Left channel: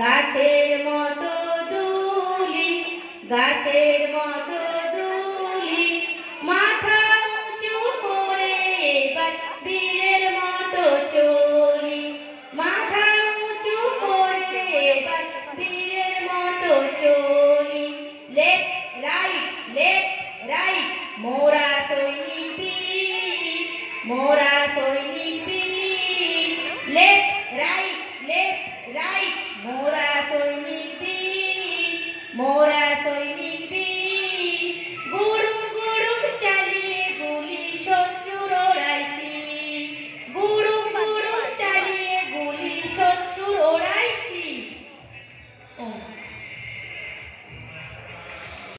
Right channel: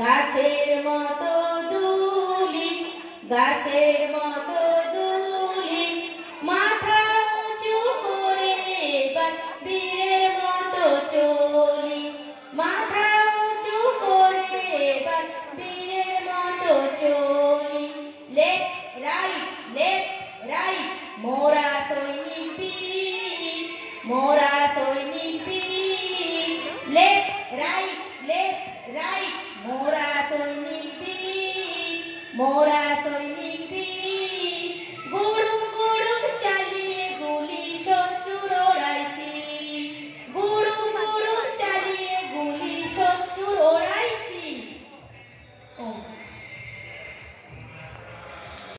গাছের মতো দুলি, গাছের মতো দুলি, মাথা উঁচু করে এবার বীরের মতো চলি, মাথা উঁচু করে এবার বীরের মতো চলি। লেফট রাইট মোরা সৈনিক বীর, মোরা সৈনিক বীর। লেফট রাইট মোরা সৈনিক বীর, মোরা